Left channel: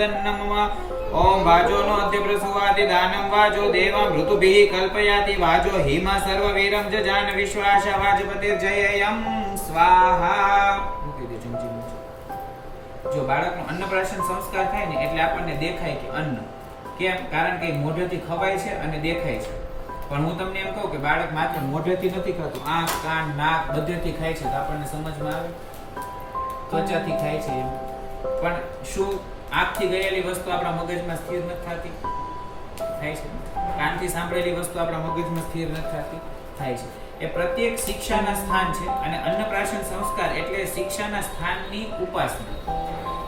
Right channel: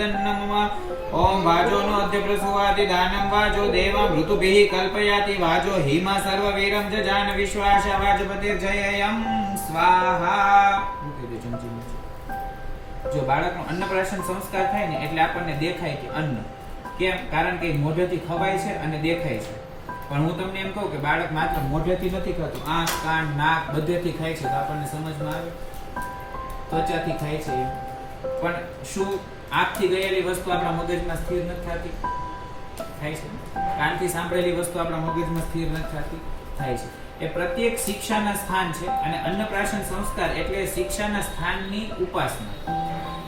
नमः ओम वाजो नो अद्य प्रसुवाति दानं वाजो देवं ऋतुभिः कल्पयाति वाजो हिमा सर्ववीरं जजान विश्वासा वाजपतिर्जययं स्वाहा। जो बाळकનો અન્નપ્રાશન સંસ્કાર થાય ને એટલે આપણને દેખાય કે અન્ન કેમ, કારણ કે મોઢેથી ખવાય છે અને દેખાય છે। પણ હું તમને એમ કહું કે બાળક માત્ર મોઢેથી નથી ખાતું, આંખ કાન નાક બધેથી ખાય છે, તો આપણને સમજમાં આવે। ત્વચાથી ખાય છે પણ શું આંખથી ગયેલી વસ્તુ આપણા મગજમાં સ્થિર નથી થતી? થાય છે। કાનથી સાંભળેલી વસ્તુ આપણા મગજમાં સ્થિર નથી થતી? થાય છે। એ પ્રત્યેક શિક્ષાના સ્થાન છે અને અન્નપ્રાશન સંસ્કાર એટલે શિક્ષાના સ્થાનની ઉપાસના।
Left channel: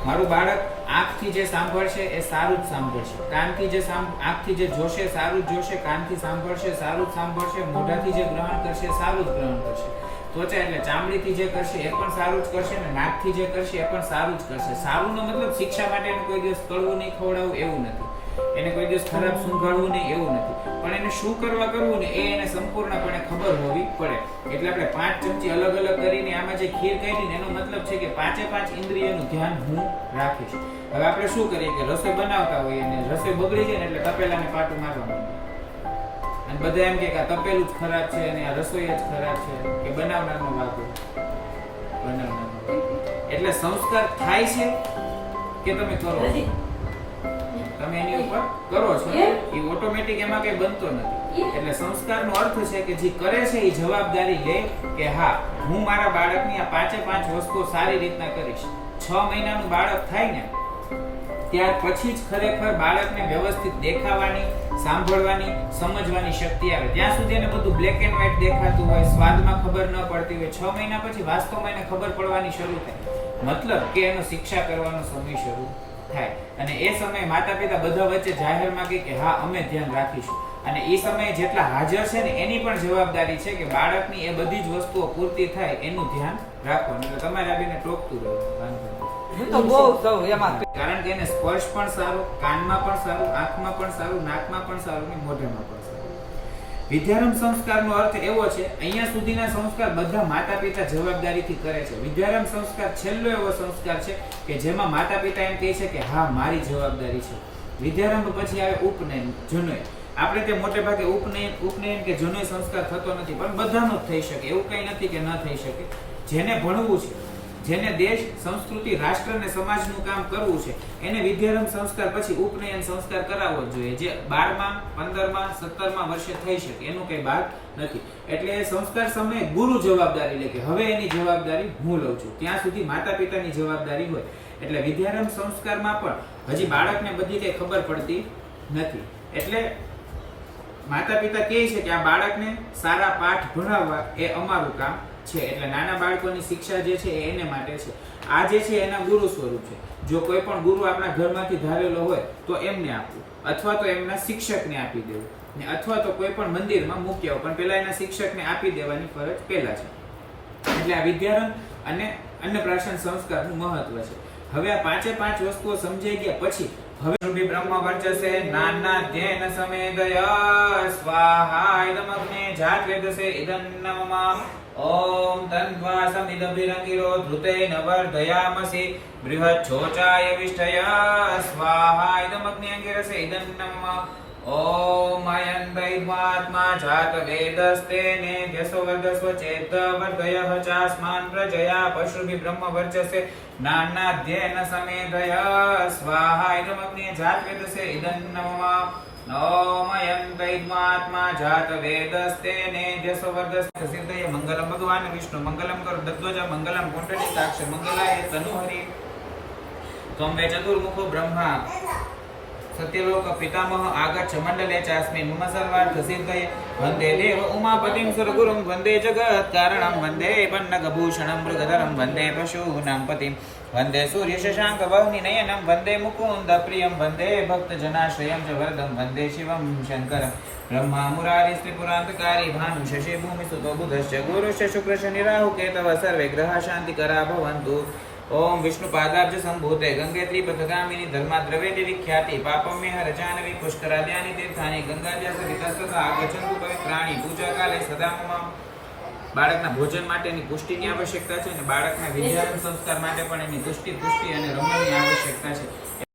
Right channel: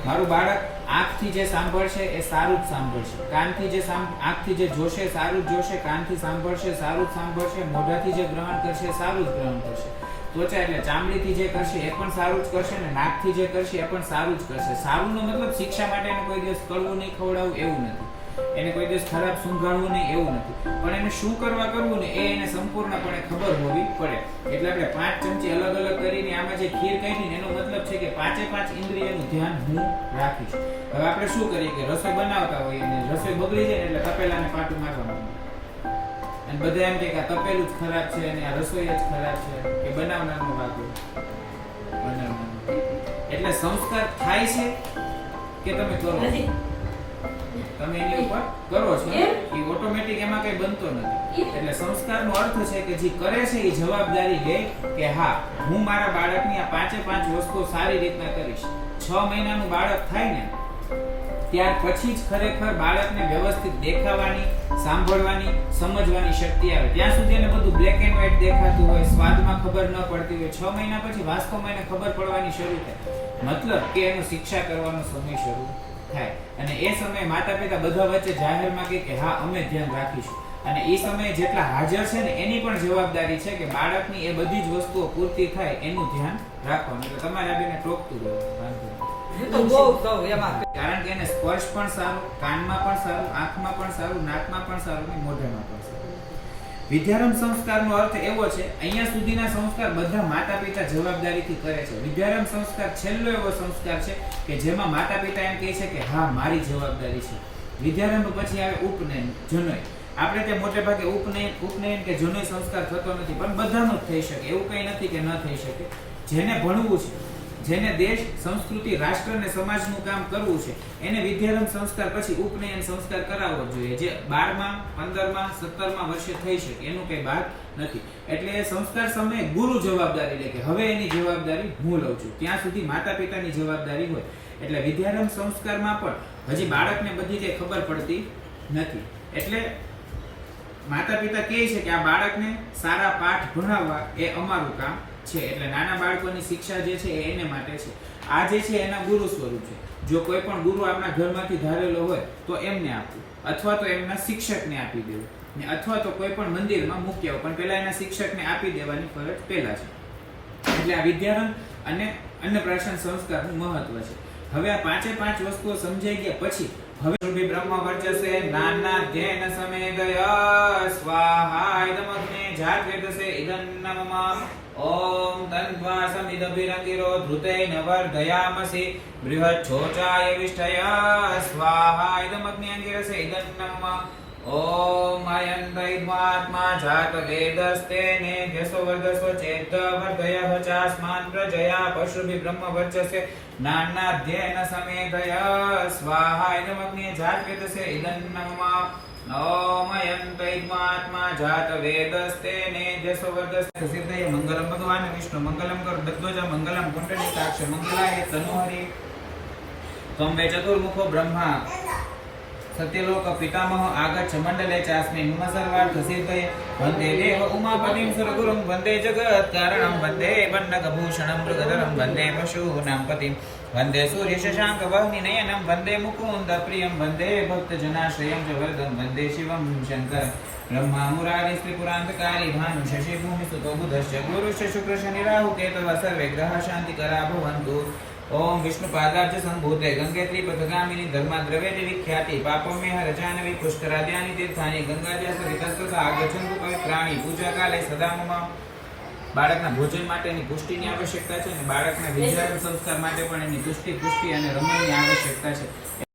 મારું બાળક આંખથી જે સાંભળશે એ સારું જ સાંભળશે, કાનથી જે આંખથી જે જોશે સારું જ જોશે, કાનથી સાંભળશે સારું જ સાંભળશે, મોઢાથી જે ગ્રહણ કરશે સારું જ ગ્રહણ કરશે, ત્વચા એટલે ચામડીથી જે કરશે એ પણ સારું જ કરશે ને નાકથી જે કરશે એ પણ સારું જ કરશે। સારુંનો મતલબ શિક્ષા માટે એને કોઈ દિવસ કડવું નહીં ખવડાવવું એવું નથી, એને કોઈ દિવસ ખરાબ સૂંઘાડવું નહીં એવું નથી, પણ એને શું કરવું ને એ એને સંપૂર્ણપણે ખબર હોવી પડે। એટલે આપણે 5 ચમચી અલગ અલગ કરીને આમાં જે ખીર કાઢી ને એનો મતલબ છે કે 5 ઇન્દ્રિયનું ધ્યાન હું રાખીશ। હવે આપણે શું કરીએ કે રસોઈ બનાવતા હોઈએ અને રસોઈ બગડી જાય ને એટલે તપેલાને પાટું મારવાનું અને બધા એમ કે આ તપેલું જ ખરાબ છે અને આ રસોઈ જ ખરાબ છે કે બનાવનારનો વાંક બનાવનારનો। એટલે સંસ્કાર થાય છે કે તમે કરો છો, તમે એની ઉપર કરો છો, એ ઓટોમેટિક એમાં કઈ બનતો નથી। એટલે સંસ્કારનો અર્થ છે કે જે કરે છે એ જવાબદારી લે કે હા હું મારા બાળકની આ 5 વસ્તુઓ સારી રીતના કરીશ। 6 મહિનાનું બાળક થાય ને ત્યાર પછી જ ખરેખર બાળકને વ્યવસ્થિત દેખાવાની, સાંભળવાની, સમજવાની શક્તિ આવે। ત્યાં સુધી એને બધું બ્લેક એન્ડ વ્હાઈટ દેખાતું હોય, સ્વાદમાં ખબર ન પડતી હોય, 6 મહિના પછી વાસ્તવમાં એને ખબર પડવાની શરૂ થાય, મતલબ કે એનો શિક્ષા કરવાનો સમય શરૂ થાય। અને એ સમયે માતા પિતા બધા વચ્ચે જાહેરમાં કહે કે હા અમે ધ્યાન રાખીશું, અને એ સમયે જેટલા હાજર છે ને એની પણ જવાબદારી છે કે બાળકની એ બધી જ વસ્તુઓ પૂર્તિ થાય એનું ધ્યાન રાખવાનું। એટલે તમારે આવીને ટોકતું રહેવાનું, કારણ કે એને સ્પર્શ પણ સારું, કાનમાં પણ સારું, આંખમાં પણ સારું, નાકમાં પણ સારું ને મોઢામાં પણ સારું। વિદ્યારંભ સંસ્કારનો અર્થ એવો છે, અહીંયા સુધીના સંસ્કાર બધા માતા પિતા જવાબદારીથી કરે છે। વિદ્યારંભ સંસ્કાર છેલ્લો એવો સંસ્કાર છે કે જેમાં માતા પિતા એમ કહે છે કે હા મારી જવાબદારી છે। વિદ્યારંભ પછી આવે ઉપનયન, જનોય। આપણે તે મોટે ભાગે ઉપનયન કે જનોય સંસ્કાર થતો નથી, પણ બધાનો જ થઈ શકે, એવું કઈ નથી કે ન થઈ શકે। જેને ભણવું છે, જેને દેશ, સંસ્કૃતિ, રાષ્ટ્ર અને સમાજનું કામ કરવું છે એને વિદ્યારંભ સંસ્કાર પછી ઉપનયન સંસ્કાર કરાવવો જોઈએ, જે 12મા, 15મા, 17મા વર્ષે થઈ શકે, એનું કઈ બાદ નથી। એટલે એ સંસ્કાર સમયે ગુરુ જવાબદારી લે કે હવે એની જવાબદારી હું લઉં છું, ત્યાં સુધી માતા પિતાની જવાબદારી હોય। એટલે વિદ્યારંભ સંસ્કારમાં પણ હજી બાળકને બધી કઈ ખબર પડતી નથી, એટલે માતા પિતા કહે છે કે આ બાળકને સારા પાઠ ભણાવવા એ અમારું કામ છે। એટલે નાના બાળકોની શિક્ષા જે છે એ એને માટે છે, આ જે છે એના ગુરુ સ્વરૂપ છે। જો કોઈ પણ ગુરુ આપણા ઘરમાંથી ધારેલો હોય તો એમને આપવું, અથવા તો એમના શિક્ષકને આપી દેવું, ને અથવા તો કોઈ પણ મંદિરમાં મૂકી આવો, પણ પેલા એના શિક્ષકને આપી દેવાની ફરજ પેલા છે। એટલે આ વિદ્યારંભ અને અન્નપ્રાશન સંસ્કારનું મહત્વ છે। હવે આ 5 વસ્તુઓ સમજાઈ ગયા પછી હવે બ્રહ્મ વર્ચસે નાના ધ્યેન સમે ગયા સ્વાહા ઇદમગ્ને જાત વેદસે ઇદં નમઃ ઓમ તન્વા સમિદભિરંતિરો ધૃતેન વર્ધયામસી બૃહત છોચાય વિષ્ઠયા સ્વાહા ઇદમગ્ને અંગિરસે ઇદં નમઃ ઓમ અયં દૈવાત્મા જાત વેદસ્તેને જસવદસ્વ ચેત વર્ધયઃ ચાસ્માન પ્રજયા પશુભિ બ્રહ્મ વર્ચસે નાનાધ્યેન સમેદયા સ્વાહા ઇદમગ્ને જાત વેદસે ઇદં નમઃ ઓમ અયં દૈવાત્મા જાત વેદસ્તેને જસવદસ્વ સિદ્ધય મંગલમ ભગવાન વિષ્ણુ મંગલમ ગરુડધ્વજ મંગલમ પુંડરીકાક્ષ મંગલાય તનુહરિ ત્વં વે ચતુર્મુખો બ્રહ્મા સત્યલોક પિતામહ આગચ્છ મંડલે ચાસ્મિ મમ સર્વાર્થ સિદ્ધય વંદે દેવ ઉમાપતિમ સુરગુરુમ વંદે જગત કારણમ વંદે વન્નગભૂષણમ મૃગધરમ વંદે પશૂનાં પતિમ વંદે સૂર્ય શશાંક વહ્નિ નયનમ વંદે મુકુંદ પ્રિયમ વંદે ભક્ત જનાશ્રયમ ચ વરદમ વંદે શિવમ શંકર બ્રહ્મા મુરારી ત્રિપુરાંતકારી ભાનુ શશી ભૂમિ સુતો બુધશ્ચ ગુરુશ્ચ શુક્રશ્ચ નિરાહુ કેતવ સર્વે ગ્રહ શાંતિકરા ભવન્તુ ओम विष्णु पादाब्ज संभूते गंगे त्रिपथगामिनी धर्माद्रव्य विख्याति पापम में हर जानवी पुष्कराद्यानि तीर्थानि गंगाजल सवितस्वत आगच्छन्तु पवित्राणि पूजा काले सदा मम બાળકના ભોજન માટેની પુષ્ટિની આવશ્યકતા છે અને બાળકના વિદ્યારંભ સંસ્કાર માટે પણ એની પુષ્ટિ અને રમણની આવશ્યકતા છે।